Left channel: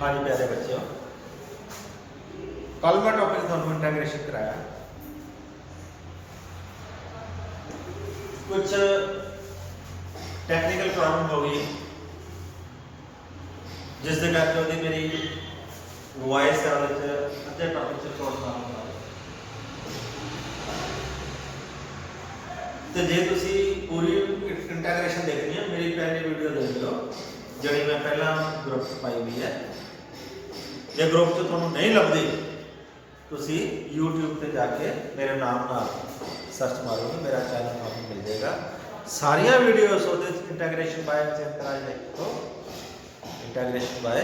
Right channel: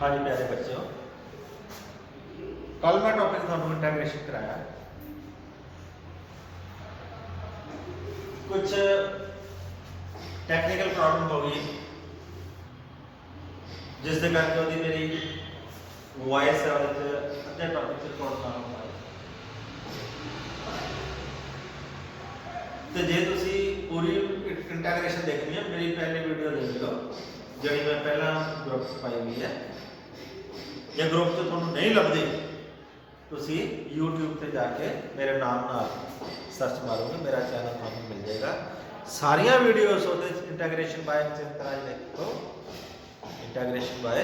हाँ जी प्यारे बच्चों, कल मैं टॉपिक थोड़ा इंटाग्रेशन कराया। कुछ टैक्नीकल प्रॉब्लम हो गई जिस दे करके ਉਹਦੀ मेरी वॉइस है अद्धे टॉपिक से रिकॉर्ड ना हो पाए। तो जे तुसी पूरी इंटाग्रेशन देखनी है मेरी पहली वीडियो देख लो जी मैं पहला ग्रुप पाई हुई है। जे ग्रुप च थोड़ा नहीं लभदी तुसी यूट्यूब पे जाके मेरे नाम नाल सर्च मारोगे, मेरा चैनल आपको मिल जाएगा। सारिया वीडियोस इंटाग्रेशन बाय अचिंत राज देखो, इंटाग्रेशन बाय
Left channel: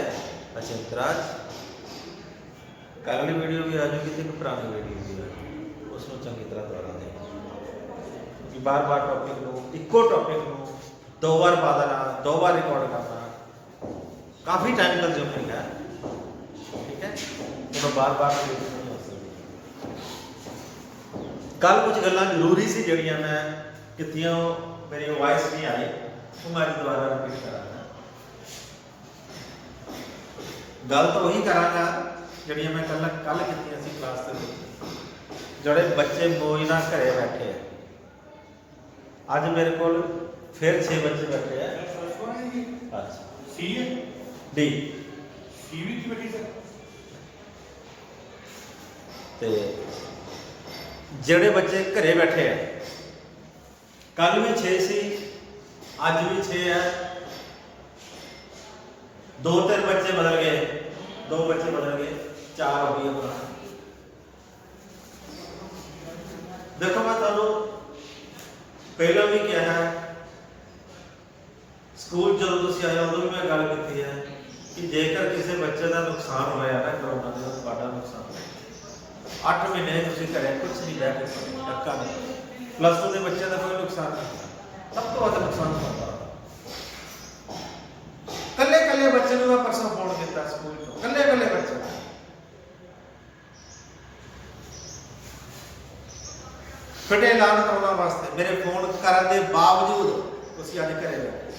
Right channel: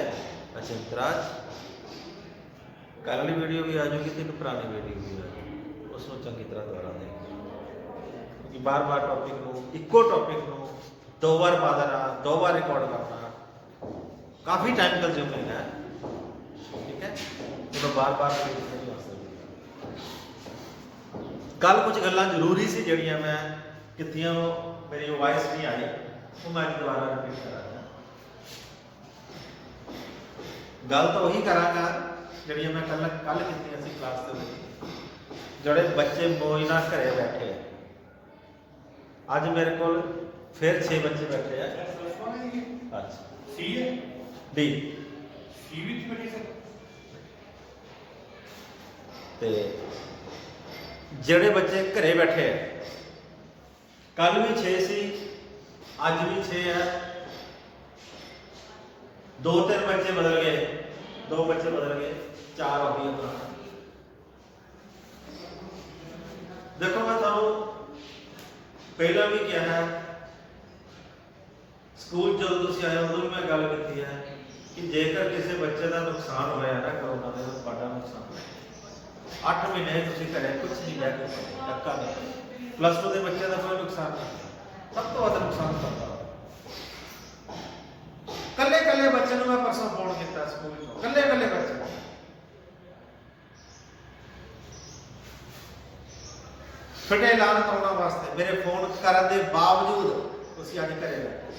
अचिंत राज। कल वाली वीडियो भी आ जाएगी, तीन पुरानी वीडियो भी आ जाएगी, उसमें चंगी तरह दोहरा देंगे। बार बार टॉपिक को इको टॉपिक को दो बार पा देना, दो बार रिकॉर्ड करना काफ़ी टाइम कंज्यूमिंग है, ठीक है। तो बार बार नहीं हो सकती। कल कुछ गल्लां जरूरी सी जड़ियां मैं कितियां मेरी वॉइस नहीं आई, वो मैं दोबारा रिपीट करांगा। गल तो वही करांगा जड़ियां मैं कल कीतियां सी क्लास दे विच। जड़े बच्चे मौज नाल घरे बैठे हैं, अज मेरे को फिर 6 बच्चे बैठे हैं। अच्छा सी डी सी भी बैठी सर ते जेड़े बच्चे घरे बैठे हैं, कल भी 6 सी, अज भी 6 है। 2-3 बच्चे बदल गए, 2 बच्चे बदल गए, 4 हो गई अपना। देखो मैं तुहानू पहला भी क्या है, स्कूल जो तुम आए उदों भी मैं गल की है कि जेकर किसी बच्चे का नुकसान होया ना करोना का, तो नुकसान 8 महीने तुम घरे कुछ नहीं बह के पढ़े, टक्का नहीं पढ़े। +2 के बच्चे का कोई नुकसान नहीं, सब तो ज्यादा नुकसान होता। कल्ले कल्ले बच्चे मैं परसों फोन किया स्कूल चो, कल्ले कल्ले बच्चे फिटे ऐलान करने वास्ते मेरे फोन करने के बावजूद तुम अज घरे बैठे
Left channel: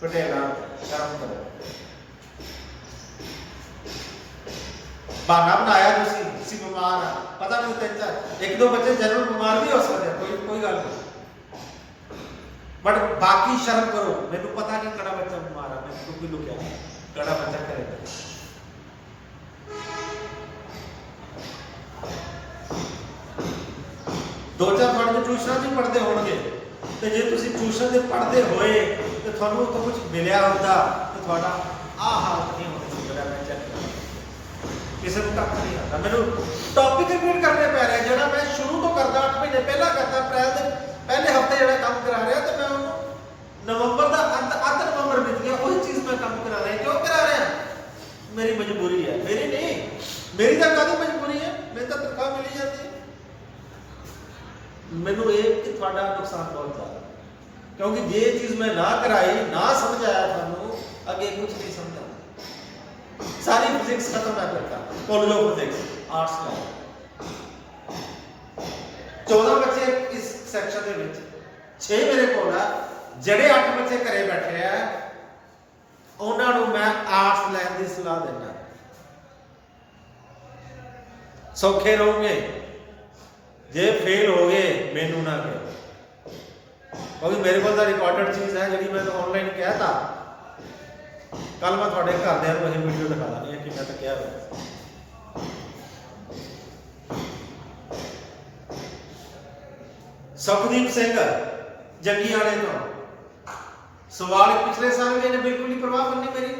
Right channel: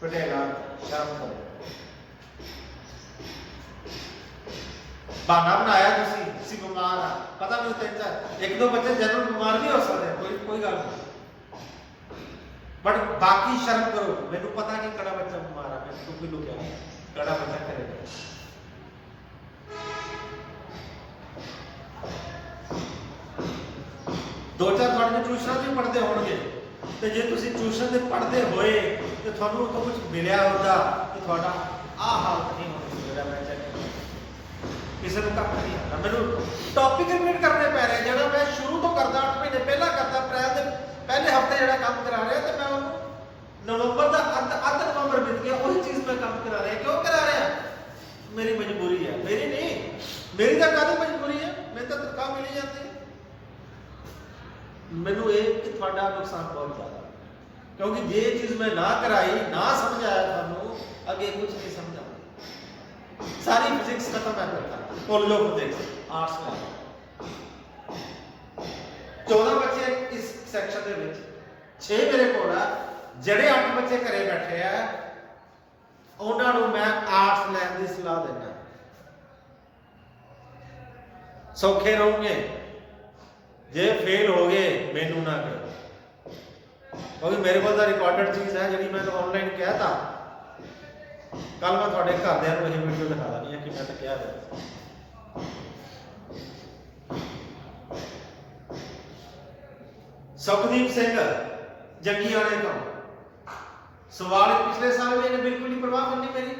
फिटे ऐलान शर्म करो। बहाना बनाया तुसी बीमार आ, पता नहीं 3-4 1-2 बच्चे जनरल बीमार भी हो सकते हैं, कोई गल नहीं, बट बाकी शर्म करो। मैनू पता नहीं कड़ा बच्चा बीमार है, मैंने कोई लुकिया नहीं, कड़ा बच्चा घरे बैठे। दो चार थोड़े ट्यूशन भी पढ़ते होंगे, तो जे तुसी ट्यूशन से पढ़ते होए तो थानू तो कुछ मिलिया होता तो थोड़ा आ हालत नहीं होनी सी। जो मैं चेक किसी को कख नहीं आता, मैनू टॉपिक रिपीट करने पै रहे जो मैं शुरू तो करता 8 महीने पहला करता। अप्रैल के पहले हफ्ते जो काम करा रहा तो मैं उन्होंने नवंबर का अद्ध नवंबर बीत गया, वही चीज़ मैं काम करा रहा। क्यों करा रहा? मेरी मजबूरी है, मेरी नहीं, मेरी तो काहदी मजबूरी है, मेरी तो तनख्वाह मिली जाती है। मैनू ये कि थोड़ा नुकसान बहुत ज़्यादा, क्योंकि ये चीज़ मैं ना कराई ना समझाया थानू अगे कुछ नहीं समझा। सारी फिजिक्स खत्म है करता, कॉलेज ऑफ फिजिक्स आर्ट्स में 14 बच्चे इस सैक्शन के विच, 6 मेरे को है। जड़े 8 बच्चे घरे बैठे हैं उन्होंने मैं आर्ट्स लैन की सलाह देना, सौखे रहोगे। जे फेल हो गए मैनू ना कहो, क्योंकि मेरे को रिकॉर्डेड चीज़ है जी मैं तो ऑनलाइन कहता। कल मैं थोड़े घरदिਆਂ ਨੂੰ ਇਹ वीडियो दिखा देनी है कि मैं तो क्या है। सुखदीप सिंह जंगीआणे तो सवाल पिछले साल भी इन्हें बिल्कुल नहीं परवाह करनी मेरी,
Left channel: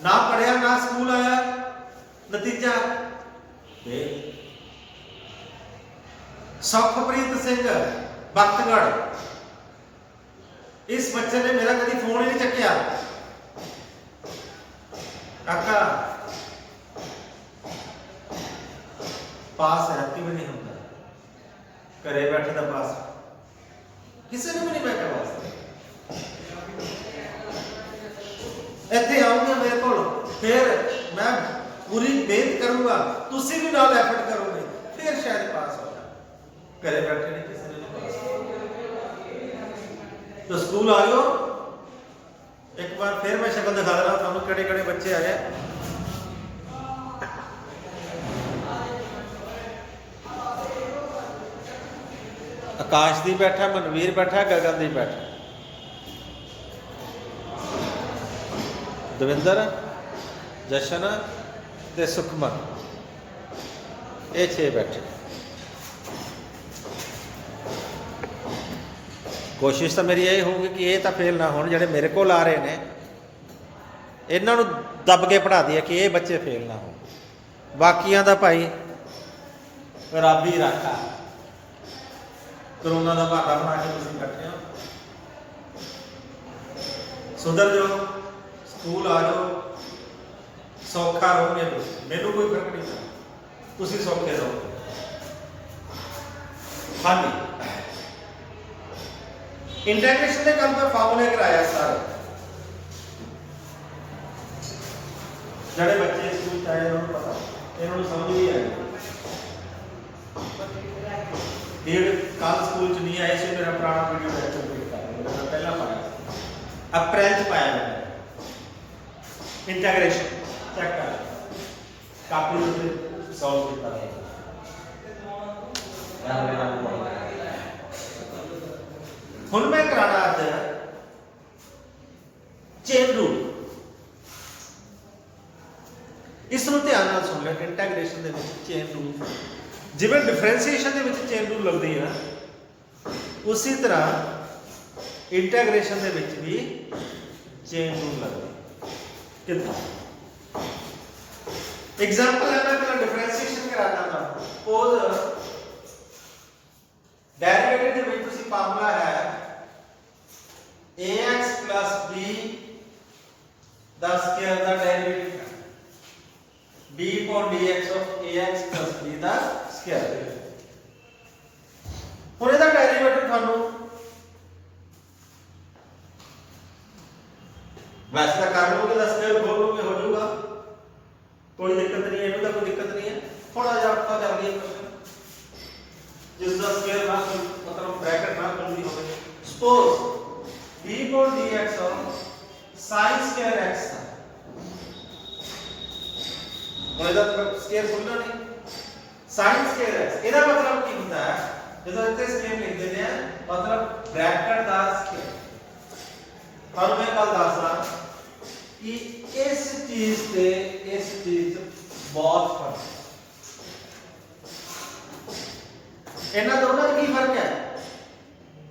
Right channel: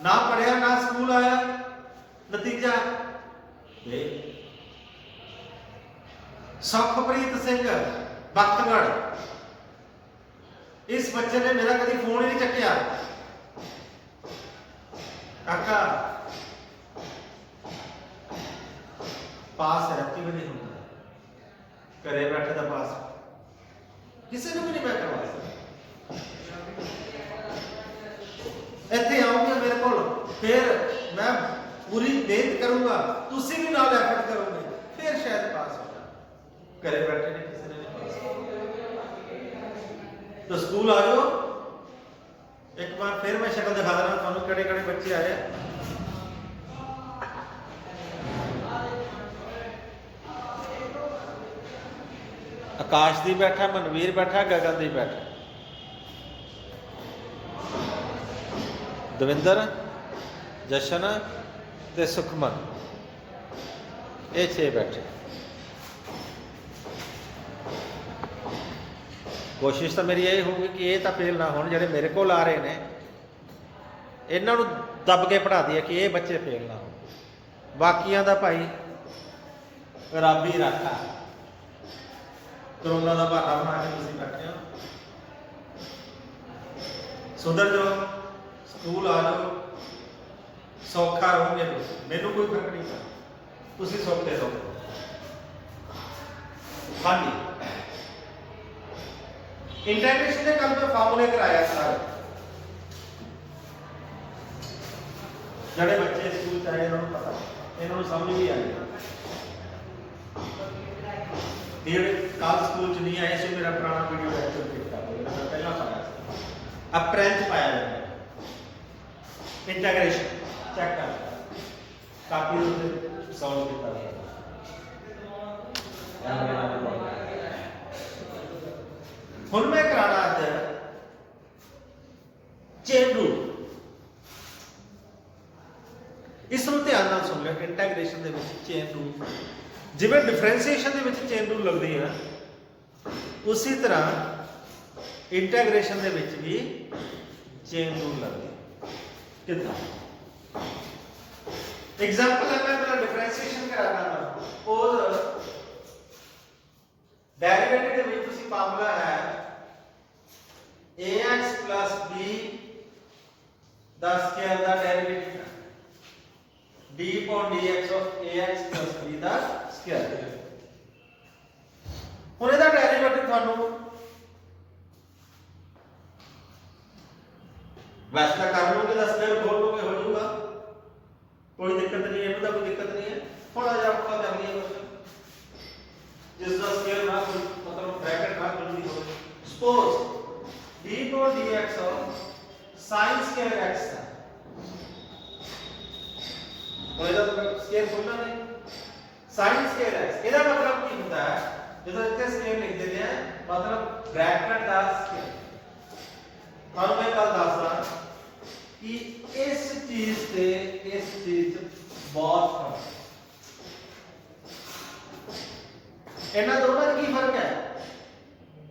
ना पढ़िया ना स्कूल आया, नतीजा सुखप्रीत सिंह बख्तगढ़, इस बच्चे ने मेरा कभी फोन ही नहीं चक्या। काका पास रत्ती भी नहीं होता, घरे बैठे का पास किसी ने भी नहीं मैं करवा सकता। इतने आओगे मेरे को, फिर मैं पूरी मेहनत करूंगा, तुसी भी नाल एफर्ट करोगे, फिर शायद पास हो जाए। घरे बैठे नहीं, किसी ने नहीं पास। तो स्कूल आ जाओ, एक बार फिर मैं शक्ल दिखा देना थानू, केड़े केड़े बच्चे आए। आकाशदीप बैठा, मनवीर बैठा, गगनदीप बैठा, दविंदर, जशन ते सुखमन, ये 6 बैठे। कोशिश तो मेरी यही होगी कि ये तो फेल ना हो, जेडे मेरे को आ रहे हैं इन्हों दब के पढ़ा दिए कि ये बच्चे फेल ना हो। बाकिया का भाई रब ही रखा, करोना का बहाना बना के तुम बैठे हो। सुधर जाओ, स्कूल आ जाओ, सौखा रहोगे तुम, मैनू कोई फर्क नहीं पड़ता, तुम सौखे रहो। हाँ जी, इंटीग्रेशन के कल मैं फार्मूले कराया सारे, जड़े बच्चे स्कूल चाहे उन्होंने पता, इन्होंने समझ भी आई। कल स्कूल च नहीं आए, मेरा पुराना वीडियो लेक्चर देख कर मैं पहला पाया, अप्रैल च पाया मैंने इंटीग्रेशन चेक कर काफी सॉल्व किया। हुण मैं कराना अज चेन रूल, इसनूं ध्यान नाल सुन लो। इंटीग्रेशन दे विच चेन रूल, जिवें डिफरेंशिएशन दे विच चेन रूल लगदी है, उसी तरह इंटीग्रेशन दे विच भी चेन रूल लगदी। कितना एग्जांपल है, मैं पहले डिफरेंशिएशन कराना था। सपोज डेरिवेटिव दे विच तुसीं फार्मूला है ax plus b the square the derivative b upon dx of ax plus b the square. हुण इहदा डेरिवेटिव थानू वैसे तो कर लोगे, 10 स्क्वायर बोल लोगे, हो जाऊगा, कोई दिक्कत नहीं है, इनका कोई दिक्कत नहीं है। थोड़ा सा आपका कर लिया जिसका स्क्वायर ना मतलब ब्रैकेट ना जल्दी हो। Suppose b upon dx of sin square x था, तो इधर स्क्वायर बोलना नहीं, sin square x, ਇਹਦਾ मतलब ਕੀ ਹੁੰਦਾ ਹੈ, ਜਦੋਂ ਇੱਥੇ स्क्वायर लिख देते हैं मतलब ब्रैकेट ਦਾ स्क्वायर। ਤੁਹਾਨੂੰ ਮੈਂ ਕੱਲ ਦੱਸਦਾ कि इस चीज से इस चीज बहुत फर्क है। इन्हां दोनों में की फर्क है,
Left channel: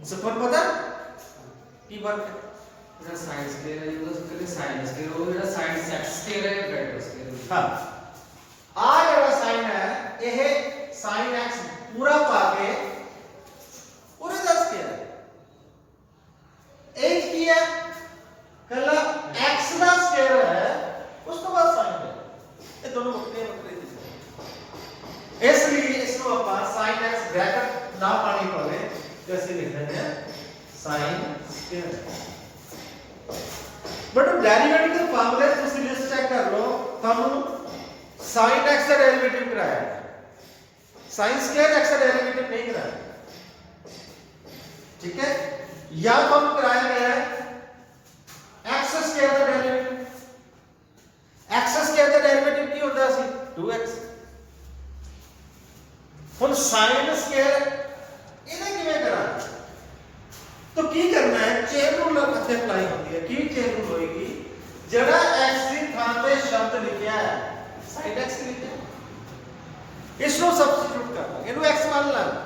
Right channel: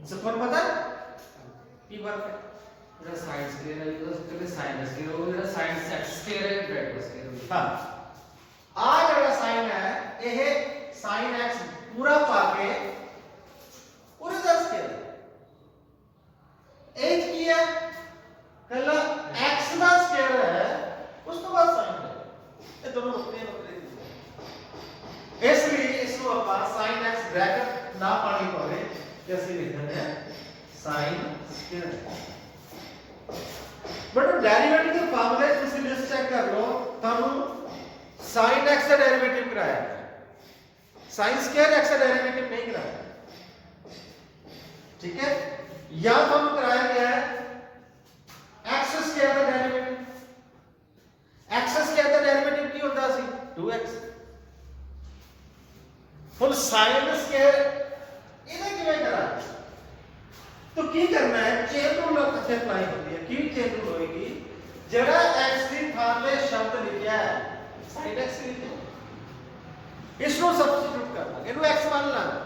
सबको पता की फर्क है? जरा sin स्क्वायर है, तो उसके sin स्क्वायर हो, जरा sin x स्क्वायर है, ब्रैकेट स्क्वायर। हां, आ जरा sin है, यह sin x पूरा पाके पूरे 10 स्क्वायर है। एक की है कला x का स्क्वायर है, उस तो बाद sin है, ये दोनों बखरे बखरे दिखते हैं। इसलिए इसको अपन sin x ब्रैकेट ना पानी पवे, जैसे लिख देते हैं sin स्क्वायर। बट डेरिवेटिव के फार्मूले तुम लिस्ट चेक कर लो, थानू sin x का डेरिवेटिव कराया है, sin स्क्वायर x का डेरिवेटिव नहीं कराया, ठीक है? या हम कराया गया है x स्क्वायर का डेरिवेटिव। x स्क्वायर का डेरिवेटिव की होता सी 2x। हुन sin स्क्वायर इन्हें किवें करा, तो की करना है, चेन रूल अपने अप्लाई होती है। की चेन रूल होएगी, जरा x की थां पे शब्द लिखा है sin x लिखा, इसको सब्स्टिट्यूट करना, इनु x मान लांगे,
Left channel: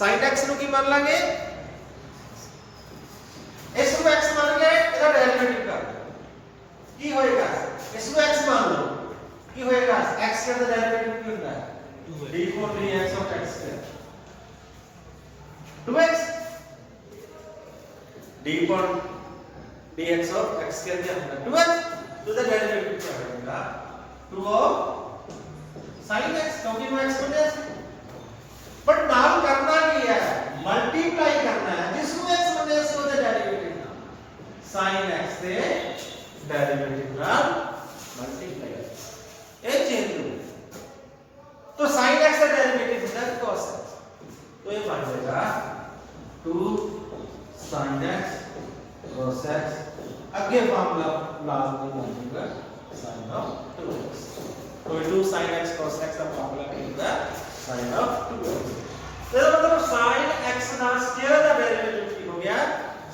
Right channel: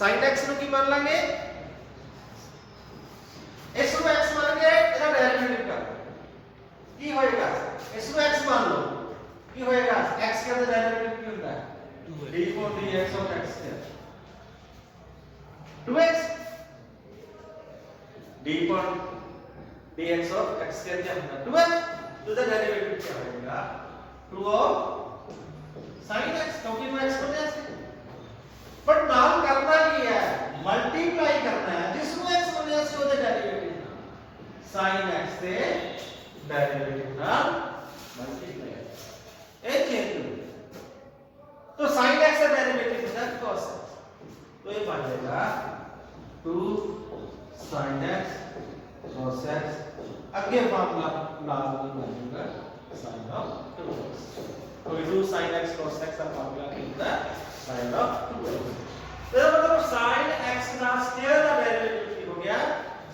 sin x नु की मान लांगे, इसको x मान के इसका डेरिवेटिव कर, की होएगा, इसको x मान लो, की होएगा, x का डेरिवेटिव की होता है d for dx of x square 2x, d for dx of x square क्या होगा 2x, तो इसका डेरिवेटिव क्या होगा 2 of sin x, क्योंकि वो x बन जाएगा। बट नाम करना क्या है, मल्टीप्लाई करना है, जिसको x बन जाए उसको डेरिवेटिव sin x से डेरिवेटिव ना मल्टीप्लाई, एक चेंज हो। तो sin x का डेरिवेटिव होता है cos x, तो ये बन जाएगा 2 sin x cos x, आगे फार्मूला लाजमी बनेगा sin of 2x, तो 2 sin x cos x का फार्मूला क्या होगा sin of 2x। तो ਇਹਦਾ ਮਤਲਬ sin x ਦਾ ਸਕੁਅਰ ਦਾ ਡੈਰੀਵੇਟਿਵ ਕੀ ਹੋ ਗਿਆ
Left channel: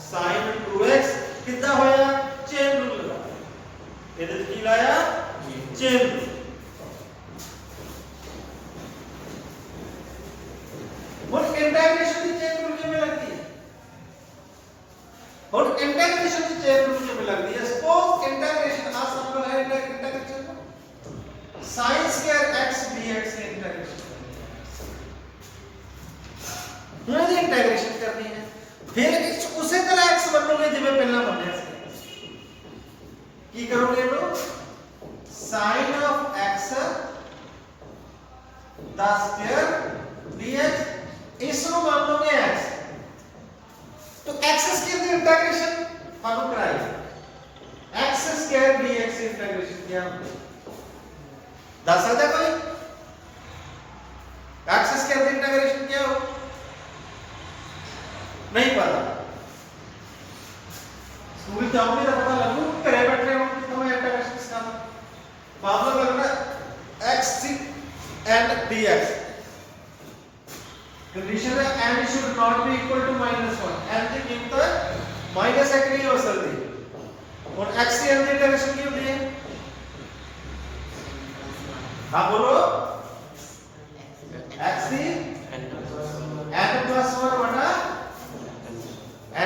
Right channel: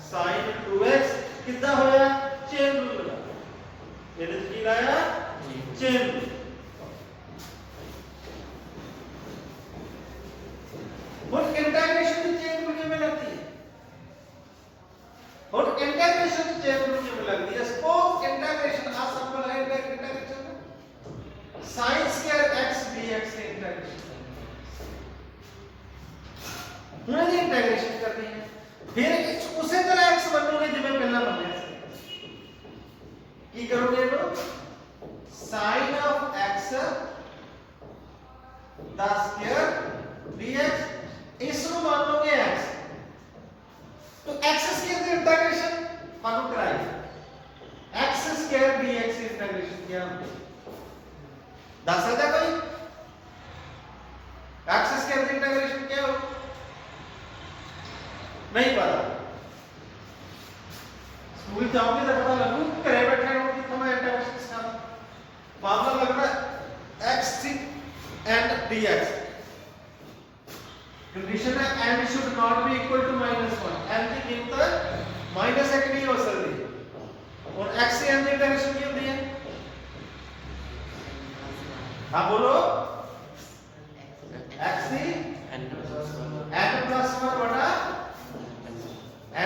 sin 2x ਕਿੱਦਾਂ ਹੋਇਆ ਚੇਨ ਰੂਲ ਲਗਾ ਇਹਦੇ ਤੇ ਕੀ ਲਾਇਆ चेन और इंटीग्रेशन की चेन रूल किमें लगती है और इंटीग्रेशन की चेन रूल किमें लगती है सपोज इंटीग्रेशन आ सिंपल है integration sin square x dx से इंटीग्रेशन करनी है ये इंटीग्रेशन करनी है फिर उसी तरह x बनोगे जिਵੇਂ ਪਹਿਲਾਂ ਬਣਿਆ ਸੀ ਕੀ ਕਰੋਗੇ ਇਹਨੂੰ sin of x the square dx इसको मान लोगे x तो x स्क्वायर की इंटीग्रेशन मानो कराई x स्क्वायर dx इंटीग्रेशन क्या दस सकता कोई x स्क्वायर की इंटीग्रेशन क्या हो नहीं पता स्कूल जाओगे तो पता लगू घरे बैठे हो कितना मैं इंटीग्रेशन सिखाता मामला लगना x and dx कंडीशन है n should not be equal to -1 n की कीमत माइनस एक नहीं हो सकती और x से n की डायरेक्शन क्या होती है हाँ बोलो x की n plus 1 बटा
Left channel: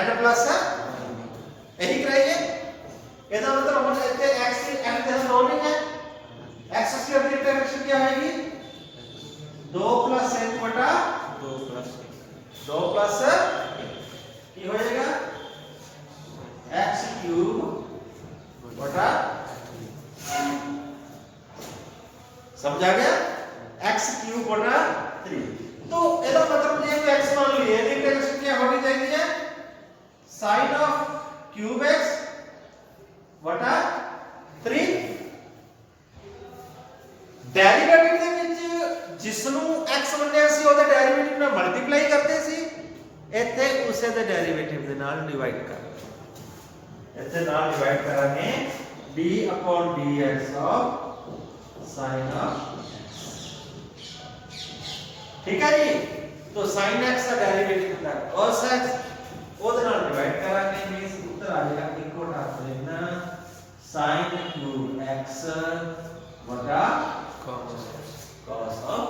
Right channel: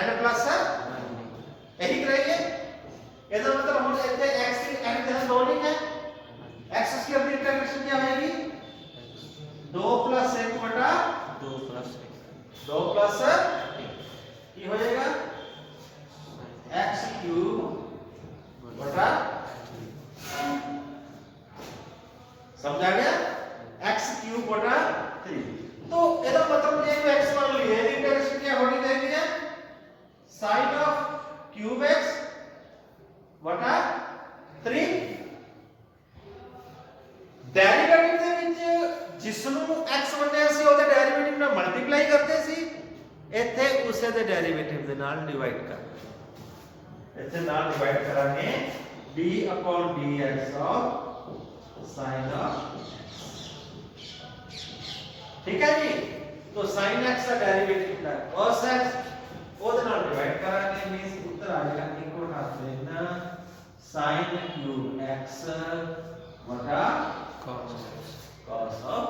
n plus यही कराइए ਇਹਦਾ मतलब हम कहते हैं x की n के दो नहीं है x स्क्वायर की डायरेक्शन क्या आएगी 2 + 1 बटा 2 + 1 की हो जाएगा x³ बटा समझा गया x³ बटा 3 तो ਇਹਦਾ मतलब ये को x मान लिए इसकी डायरेक्शन क्या होनी चाहिए sin of cube x बटा 3 डेरिवेटिव ਦੇ ਵਿੱਚ ਜਿਸ ਨੂੰ x ਮੰਨਿਆ ਸੀ ਉਹਦੇ ਡੈਰੀਵੇਟਿਵ ਨਾਲ ਮਲਟੀਪਲਾਈ ਕਰਦੇ ਸੀ ਇੱਥੇ ਉਸੇ ਦੇ ਡੈਰੀਵੇਟਿਵ ਦੇ ਨਾਲ ਡਿਵਾਈਡ ਕਰ ਇੱਥੇ ਨਾਲ ਡਿਵਾਈਡ ਕਰਾਂਗੇ d/dx of sin of ठीक है जी तो sin x का डेरिवेटिव कितना है cos x ਉਹਦੇ ਨਾਲ ਡਿਵਾਈਡ ਕਰਾਂਗੇ मींस उत्तर आ जाएगा इक्वल टू लेना sin³ x बटा cos of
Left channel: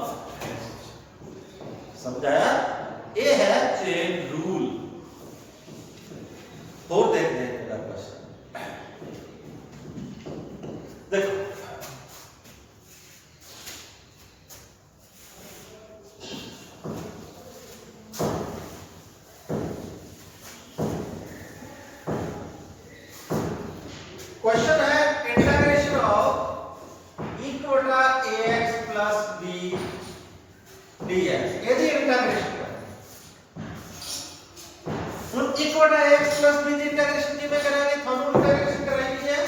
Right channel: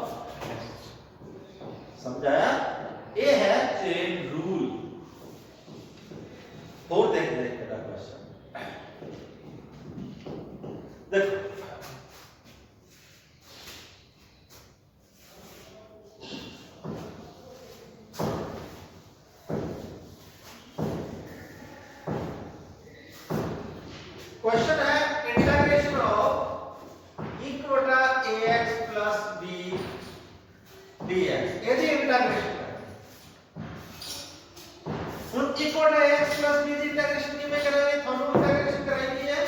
समझाया ये है चेन रूल और देख लें मेरा क्वेश्चन देखो क्वेश्चन है integration of equal to ax plus b dx यदि इंटीग्रेशन उन equal to ax plus b की इंटीग्रेशन की मैं कराने थोड़ा इंटीग्रेशन कराएंगे है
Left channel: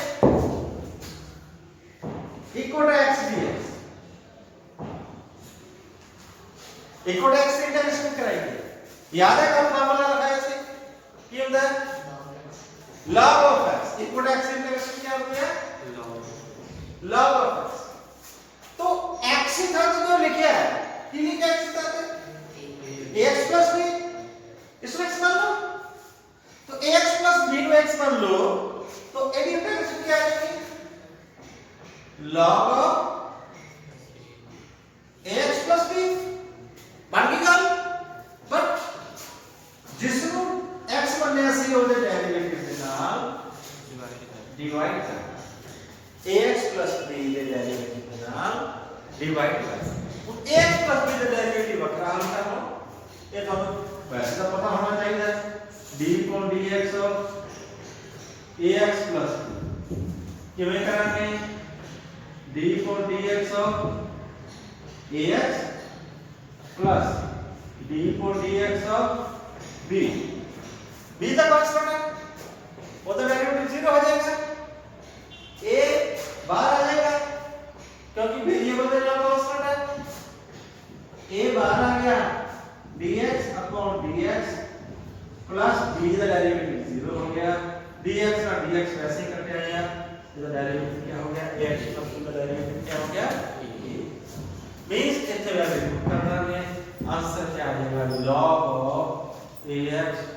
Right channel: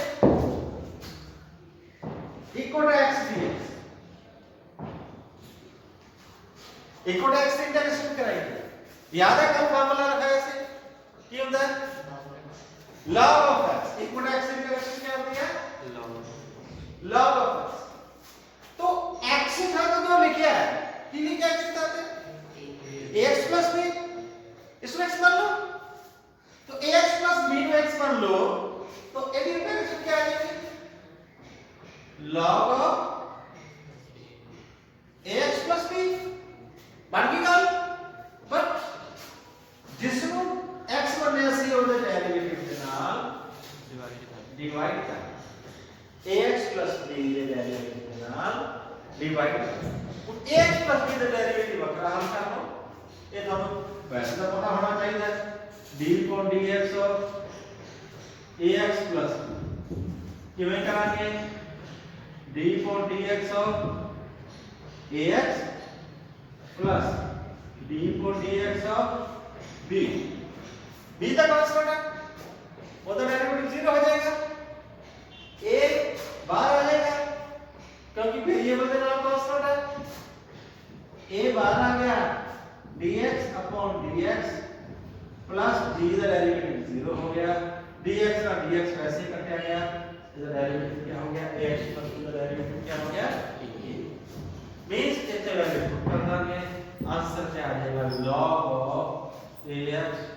equal to x dx equal to x की इंटीग्रेशन कराएंगे याद है कब फार्मूला लगाया से की होता है log of x equal to x integration क्या होती है log of x तो x था तो जो लिखा है की लिखा x था तो ax plus b इसको x मान लो तो ax plus b को x मान लो तो एडी इंटीग्रेशन क्या आ जाएगी log of ax plus b बन गई गल बट जिसनु x बनने सी ਉਹਦੇ ਡੈਰੀਵੇਟਿਵ ਦੇ ਨਾਲ डिवाइड करना ax plus b ਦੇ ਡੈਰੀਵੇਟਿਵ ਦੇ ਨਾਲ डिवाइड करना ax plus b ਦੇ ਡੈਰੀਵੇਟਿਵ ਵੱਖਰਾ ਹੱਲ ਕਰ ਲਓ ਇਹ ਤੁਹਾਨੂੰ ਵੈਸੇ ਤਾਂ ਪਤਾ ਹੋਣਾ ਚਾਹੀਦਾ ਹੈ d/dx of ax plus b ਕਿਵੇਂ ਕਰਾਂਗੇ d/dx of ax plus d/dx of b b का कांस्टेंट है वो तो डेरिवेटिव 0 हो जाएगा a बाहर आ जाएगा क्योंकि वेरिएबल का नाम कांस्टेंट है a बाहर आ गया dx upon dx plus b का डेरिवेटिव 0 हो गया dx का dx वैसे ही कट गया इसका डेरिवेटिव क्या हो गया ax प्लस b का डेरिवेटिव क्या हो गया मींस इतना वैल्यू करना है आंसर क्या आ जाएगा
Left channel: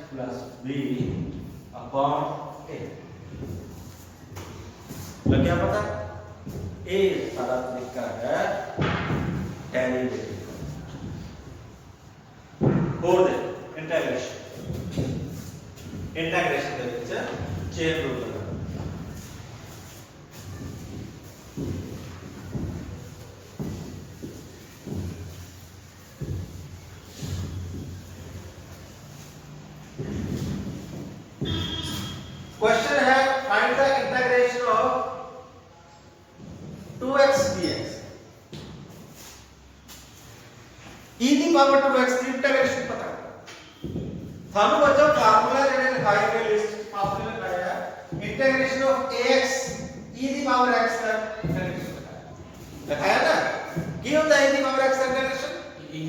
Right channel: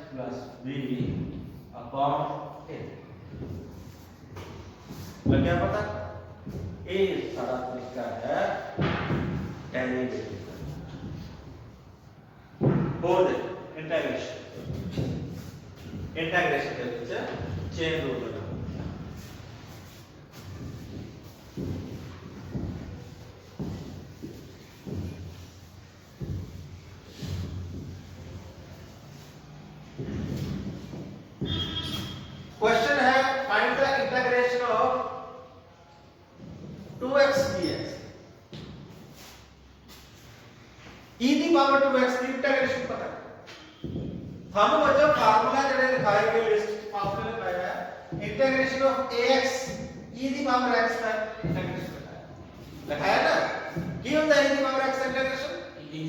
प्लस बी अपॉन ए। लग गया पता? ये सारा तरीका है डेरिवेटिव का। और दे इंटीग्रेशन ਦੇ ਵਿੱਚ ਚੇਨ ਰੂਲ ਲਗਾਓ। क्वेश्चन है find the integration of 2x dx e the power 2x the integration ਪਤਾ ਤੁਹਾਨੂੰ ਬੱਚੋ ਫਾਰਮੂਲਾ ਜਿਹੜੇ ਲਿਖਾਏ ਗਏ ਲਿਸਟ ਆਪਨੇ ਲਿਖਾਇਆ ਹੈ integration of ax e the power x the integration ਲਿਖਾਇਆ ਨਾ ਕੀ ਹੁੰਦਾ ਹੈ e ਦੀ ਪਾਵਰ x ਦਾ ਇੰਟੀਗ੍ਰੇਸ਼ਨ e ਦੀ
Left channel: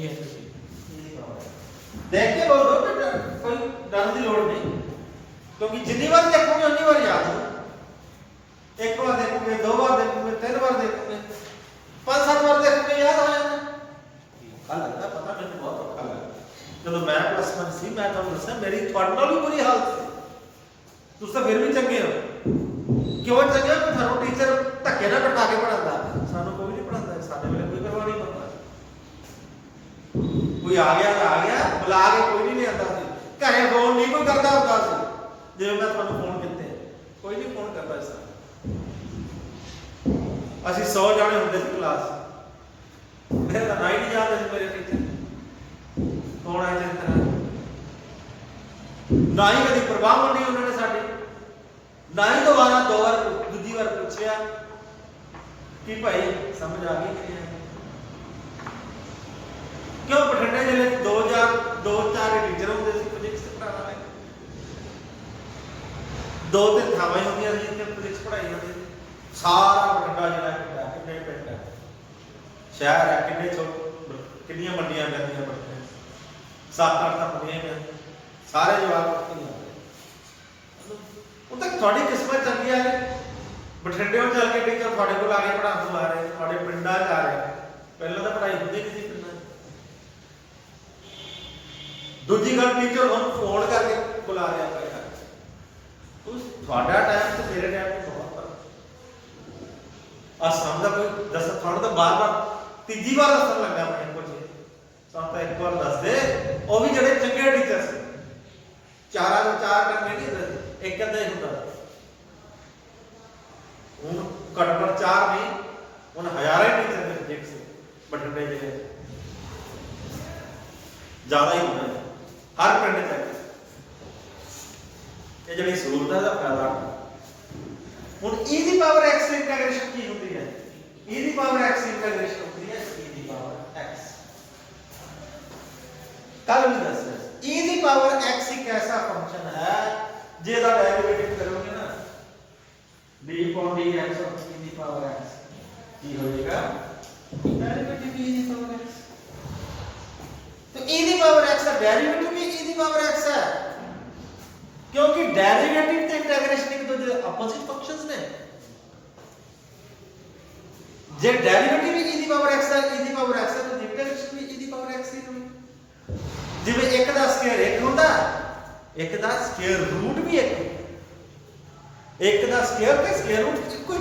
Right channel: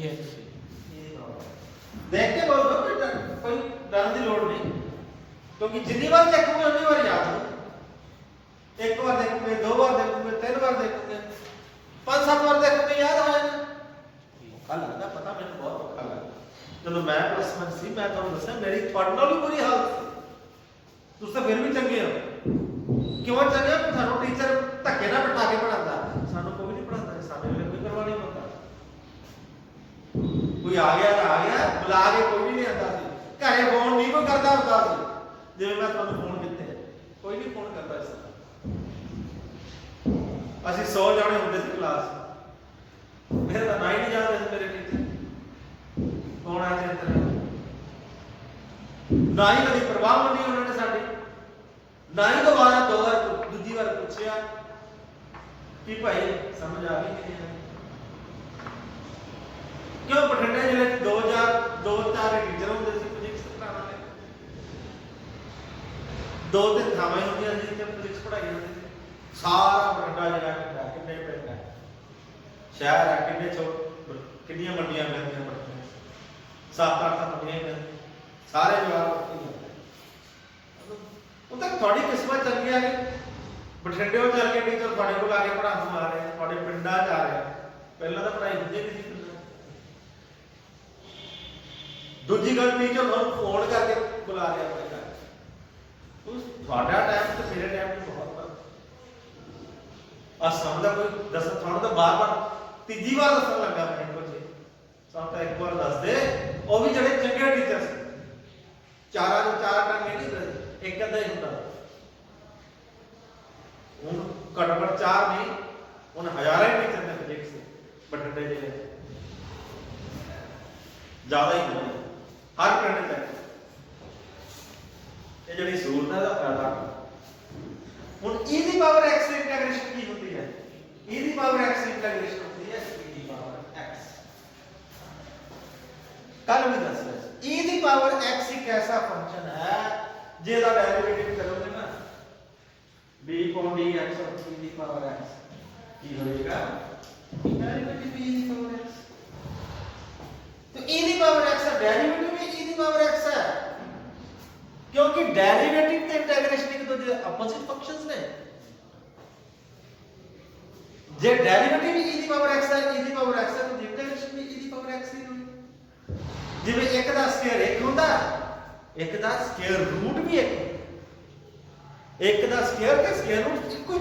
ਪਾਵਰ ਦੇਖ ਕੇ ਬੋਲੋ ਬੇਟਾ ਕੋਈ ਡਰਨ ਦੀ ਲੋੜ ਨਹੀਂ क्योंकि जितनी बार देखोगे उतनी बार याद हो। एक बार देखोगे, दो बार देखोगे, तीन बार देखोगे, 5-7 बार देखोगे याद आ जाना। औखा लगता पता मैंने बहुत औखा लगा जब मैं +1 सी मैं ਤੁਹਾਨੂੰ ਦੱਸਿਆ ਮੇਰੀ ਤੁਹਾਡੇ ਨਾਲ ਵੀ ਬੁਰੀ ਹਾਲਤ ਸੀ। ਤੁਸੀਂ ਤਾਂ ਫਿਰ ਵੀ ਚੰਗੇ ਹੋ। ਕਿਉਂ ਚੰਗੇ ਹੋ? ਤੁਹਾਨੂੰ ਟੀਚਰ ਧੱਕੇ ਨਾਲ ਬਿਠਾ ਕੇ ਪੜਾਉਂਦਾ। ਸਾਨੂੰ ਕੋਈ ਨਹੀਂ ਪੜਾਉਂਦਾ, ਸਾਡੇ ਵੇਲੇ ਕੋਈ ਪਰਵਾਹ ਨਹੀਂ ਕਰਦਾ। ਕੋਈ ਆ ਗਿਆ ਤਾਂ ਆ ਗਿਆ, ਬੁਲਾ ਕੇ ਕੋਈ ਨਹੀਂ ਲਿਆਂਦਾ ਸੀ। ਘਰੇ ਫੋਨ ਨਹੀਂ ਕੋਈ ਕਰਦਾ ਹੁੰਦਾ ਸੀ। ਜਿਵੇਂ ਮੈਂ ਤੁਹਾਨੂੰ ਫੋਨ ਕੀਤੇ ਕੋਈ ਨਹੀਂ ਫੋਨ ਕਰਦਾ ਇਸ ਤਰ੍ਹਾਂ। ਅਸੀਂ 100 ਜਾਣੇ ਹੁੰਦੇ ਸੀ ਕਲਾਸ ਮੇਰੇ ਤਾਂ ਨਹੀਂ ਯਾਦ ਹੈ ਮੇਰੇ ਟੀਚਰ ਕੌਣ ਆਏ ਜਿਸ ਤਰ੍ਹਾਂ ਨਾ ਹੀ ਕਦੀ ਪ੍ਰਵਾਹ ਨਹੀਂ ਉਹਨਾਂ ਨੇ ਸਾਡੀ ਨਾ ਹੀ ਦੁਬਾਰਾ ਦੋ ਵਾਰ ਦੂਜੀ ਵਾਰ ਪੁੱਛਿਆ ਕਿ ਭਾਈ ਸਮਝ ਆ ਗਈ ਕਿ ਨਹੀਂ ਕਿਉਂ ਬਠਿੰਡੇ ਜ਼ਿਲ੍ਹੇ 'ਚ 2-4 ਟੀਚਰ ਹੁੰਦੇ ਸੀ ਫਿਜ਼ਿਕਸ ਪੜ੍ਹਾਉਣ ਦੇ दो तीन थावां होंदियां सी जिथे फिजिक्स पढ़ाई जाती सारा बठिंडा जिला कितना कितने पिंड है शहर है कितनी मंडियां मिलदियां बठिंडे 7-8 मंडियां मिलदियां सारे जवाब उत्थे ही आते उन तक थोड़ी किस्मत चंगी है बठिंडे चल के टीचर थोड़े को आके पढ़ाने आ रहे हैं थोड़े पिंडा च आ रहे हैं पहले तो पढ़ाई होंदी नहीं सी पिंडां दूजी गल टीचर हम फोन करके बुला रहा है ਤੁਹਾਡਾ ਟਾਈਮ ਤੇ ਮੇਰੇ ਟਾਈਮ 'ਚ ਬਹੁਤ ਫਰਕ ਆ ਸਾਨੂੰ ਤਾਂ ਕੋਈ ਦੱਸ ਤੁਹਾਨੂੰ ਤਾਂ ਬਾਰ-ਬਾਰ ਤੀਜੀ ਵਾਰ ਦੱਸਣ ਲੱਗਾ ਮੈਂ ਕੁਝ ਸਾਨੂੰ ਤਾਂ ਇੱਕ ਵਾਰ ਦੱਸ ਦੇ ਉਹ ਵੀ ਜਿਹੜੇ ਚੰਗੇ ਟੀਚਰ ਸੀ ਚਾਰਾਂ ਨੂੰ 4 ਟੰਗੇ ਨਹੀਂ ਹੁੰਦੇ ਇੱਕ ਅੱਧਾ ਹੀ ਹੁੰਦਾ ਹੁਣ ਘੱਟੋ-ਘੱਟ 4 ਨਹੀਂ ਹੁਣ ਹਜ਼ਾਰਾਂ ਟੀਚਰ ਨੇ ਦੇਖ ਸੀ ਬਠਿੰਡੇ ਜ਼ਿਲ੍ਹੇ 'ਚ ਜ਼ਿਆਦਾ ਹੀ ਹੁੰਦੇ ਹਰ ਪਿੰਡ 'ਚ ਇਹ ਜਿਹੜੀ ਸਹੂਲਤ ਦਾ ਫਾਇਦਾ ਹੁਣ e ਦੀ ਪਾਵਰ x ਦੀ ਇੰਟੀਗ੍ਰੇਸ਼ਨ ਕੀ ਹੁੰਦੀ ਹੈ e ਦੀ ਪਾਵਰ x ਦੀ ਇੰਟੀਗ੍ਰੇਸ਼ਨ ਹੁੰਦੀ ਹੈ e ਦੀ ਪਾਵਰ x ਕੱਲ ਵੀ ਦੱਸ ਰਿਹਾ e ਦੀ ਪਾਵਰ x ਇੱਕ ਐਸਾ ਫੰਕਸ਼ਨ ਹੈ ਜਿਹਦਾ ਡੈਰੀਵੇਟਿਵ ਕਰੋਗੇ ਨਾ b upon dx of e the power x ਕੀ ਹੋਏਗਾ ਡੈਰੀਵੇਟਿਵ e ਦੀ ਪਾਵਰ x तो e ਦੀ ਪਾਵਰ x ਦਾ ਡੈਰੀਵੇਟਿਵ ਵੀ e ਦੀ ਪਾਵਰ x ਹੈ क्योंकि डेरिवेटिव ਤੇ इंटीग्रेशन एक दूसरे अपोजिट फंक्शंस ने जे डेरिवेटिव e ਦੀ ਪਾਵਰ x ਦਾ e ਦੀ ਪਾਵਰ x ਦਾ तो इंटीग्रेशन भी e ਦੀ ਪਾਵਰ x ਦੀ ਹੋਣੀ ਜਿਵੇਂ ਇੱਕ ਦਾ ਸਕੁਅਰ 1 ਹੁੰਦਾ ਇੱਕ ਦਾ ਸਕੁਅਰ ਰੂਟ ਵੀ 1 ਇੱਕ ਦਾ ਸਕੁਅਰ ਤੇ ਸਕੁਅਰ ਰੂਟ ਇੱਕੋ